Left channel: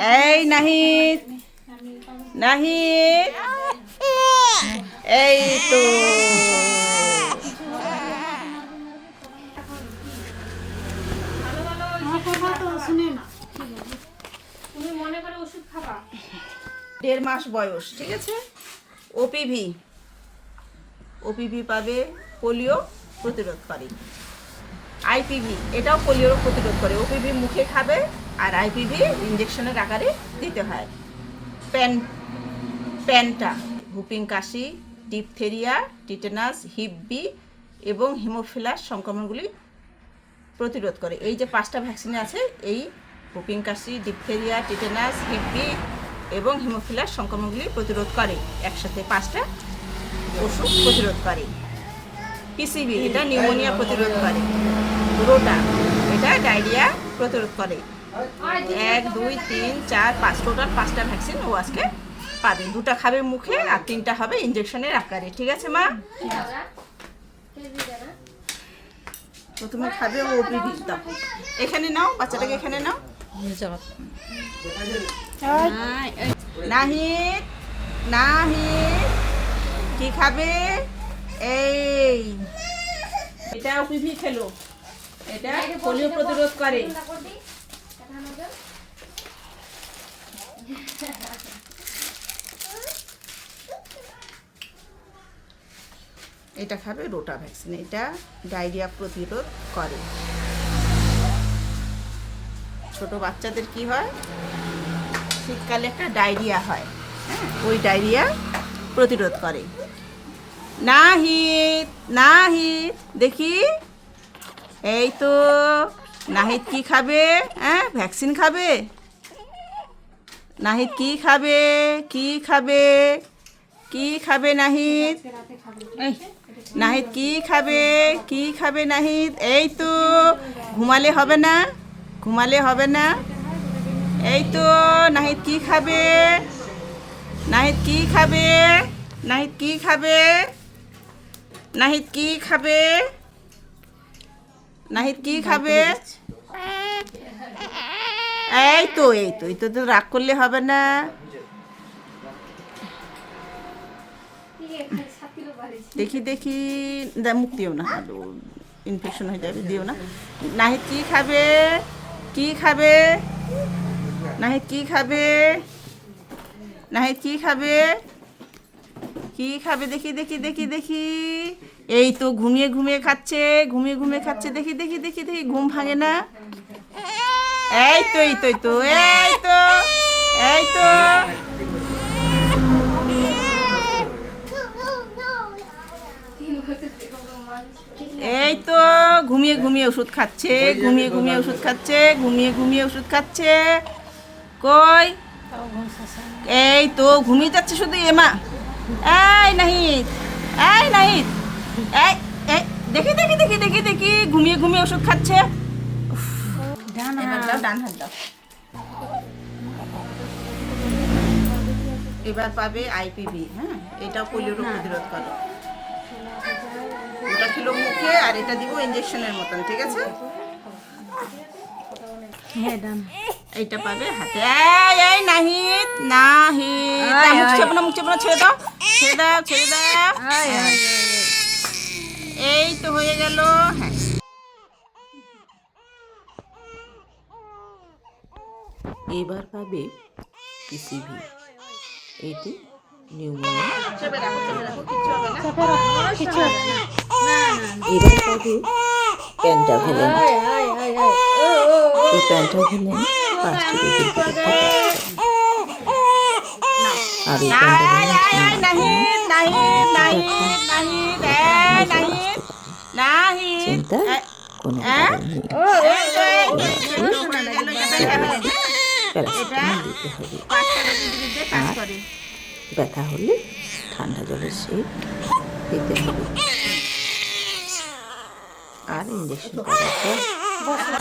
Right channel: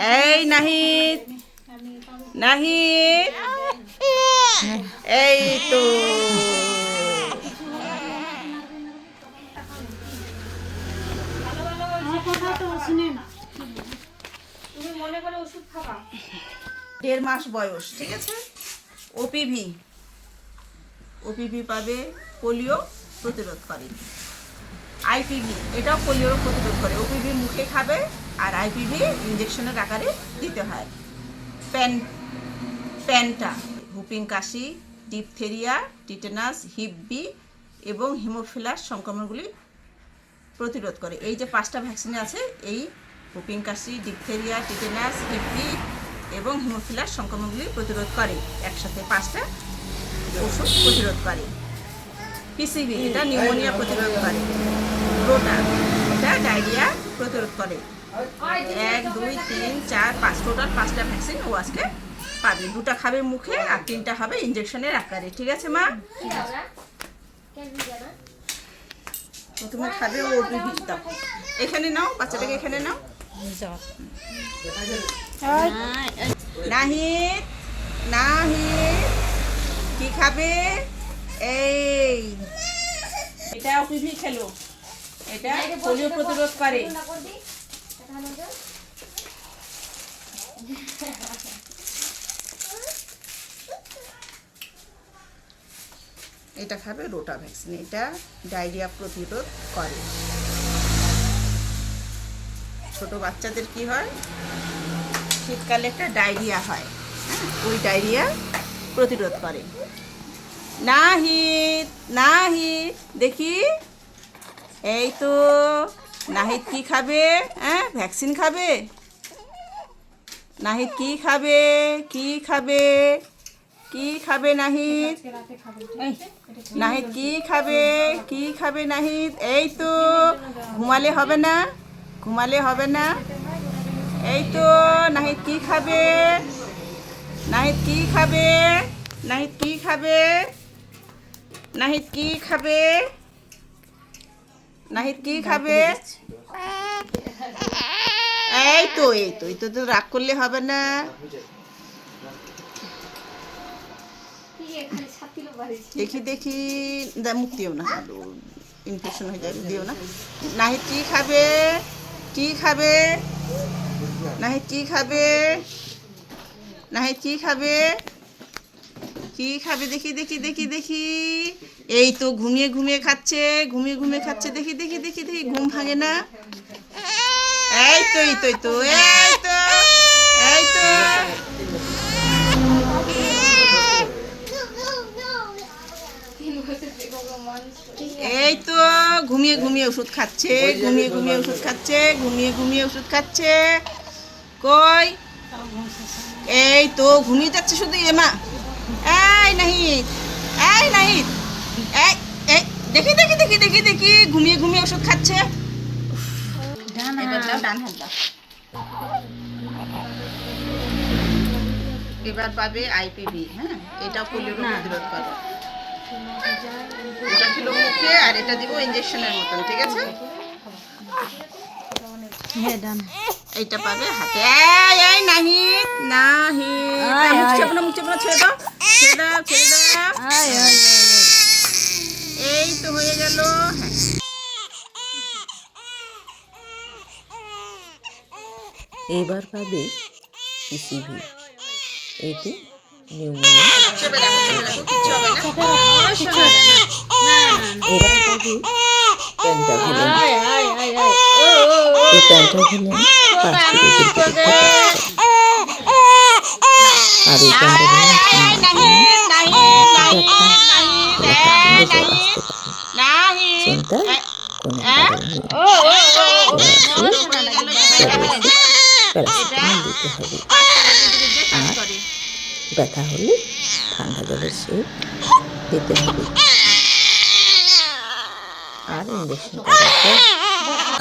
এই নাহিদ, নাহিদ, এই তো দেড় মাস বয়স, ঠিক আছে। ওপিভি, ওপিভি পাবে, পোলিও প্রতিরোধকারী। আইপিভি, এটাও পোলিও প্রতিরোধ করে। ওপিভি মুখে খাবে আর আইপিভি ইঞ্জেকশনের আকারে দিতে হয়। প্যান্টা হুপিং কাশি, ডিপথেরিয়া, টিটেনাস, হিপ বি এবং হিমোফিলাস সংক্রমণগুলি প্রতিরোধ করে। এই যে 5টা ভ্যাকসিন আছে, এই হুপিং কাশি, ডিপথেরিয়া, টিটেনাস, হিপ বি এবং হিমোফিলাস সংক্রমণগুলি প্রতিরোধ করে। একসাথে 5টা ওষুধ প্রতিরোধ করে। পিসিবি, এটা নিউমোনিয়া প্রতিরোধ করে। রোটা, এটা ডায়রিয়া প্রতিরোধ করে। 1, 2, 3, 4, 5, টোটাল 5টা ভ্যাকসিন ও আজকে পাবে। 2টা খাবে মুখে আর 3টা হবে ইঞ্জেকশনের আকারে, ঠিক আছে মা? প্রথমে খাবে ওপিভি। এখানে নাও, বাচ্চাটাকে এখানে নাও। নাহিদ, নাহিদ, কি খাবে? এই এটা ওপিভি খেলো, এটা পোলিও প্রতিরোধ করে। এটা খাবে রোটা ভ্যাকসিন, এটা ডায়রিয়া প্রতিরোধ করে। ছোট বাচ্চাদের কি হয়, শীতকালে একটা ডায়রিয়া হয়, হ্যাঁ, ওই ডায়রিয়া প্রতিরোধ করে। নাহিদ, নাহিদ, দেখি, এই তো নাহিদ কি খাবে? হ্যাঁ, ভ্যাকসিন খাবে। নাহিদ কি খাবে? কি খাবে? কি খাবে নাহিদ? নাহিদ কি খাবে? কি খাবে নাহিদ? এই তো ঘুমালে হবে না, ঘুমালে হবে না। এই তো নাহিদ কি খাবে? নাহিদ কি খাবে? নাহিদ কি খাবে? নাহিদ কি খাবে? নাহিদ কি খাবে? এই তো, এই তো, এই তো, তো রাগ করলে হবে না। দেখি দেখি, মুখ দিও না, ইনফেকশন হয়ে যাবে, দিও না। নাহিদ কি খাবে? কি খাবে? নাহিদ কি খাবে? নাহিদ কি খাবে? কি খাবে? দেখি দেখি দেখি দেখি, এই তো ঘুমিয়ে ঘুমিয়ে খাচ্ছে, ঘুমিয়ে ঘুমিয়ে খাচ্ছে। দেখি দেখি দেখি দেখি, ঘুম ভাঙে না। এই তো, এই তো, এই তো, এই তো, এই তো, এই তো ঘুমিয়ে ঘুমিয়ে ওষুধ খাচ্ছে, ঘুমিয়ে ঘুমিয়ে ওষুধ খাচ্ছে, ঘুমিয়ে ঘুমিয়ে ওষুধ খাচ্ছে। কই, এই তো ঘুমিয়ে যাচ্ছে শুধু। এমা, এই নাহিদ, এই নাহিদ, এই এই, দেখি দেখি দেখি দেখি দেখি, ঘুমিয়ে ঘুমিয়ে ওষুধ খাচ্ছে। ডান হাত দাও। এবার পাবে আইপিভি, হ্যাঁ, এটা পোলিও প্রতিরোধ করে। এটা কিলো মুখে আর এটা দিব ইঞ্জেকশনের মতন, ঠিক আছে। হ্যাঁ, ডান। এইটা পাবে হাতে। এই এই নাহিদ, নাহিদ, মুখ চেপো না, মুখ চেপো না, ছেড়ে দাও, ছেড়ে দাও, ছেড়ে দাও। এই তো হয়ে গেল। এবার পাবে পিসিভি, এটি নিউমোনিয়া। এবার পাবে প্যান্টাভেলেন, এই প্যান্টাভেলেন 5টি রোগের বিরুদ্ধে আর এই প্যান্টাভেলেন চিন্তার কোনো কারণ নেই। প্যারাসিটামল দিতে হবে আর ব্যথা হলে ঠান্ডা জলের সেক দিতে হবে আর ইঞ্জেকশন করার পর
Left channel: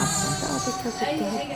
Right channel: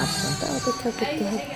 8 ঘন্টা অপেক্ষা করতে হবে।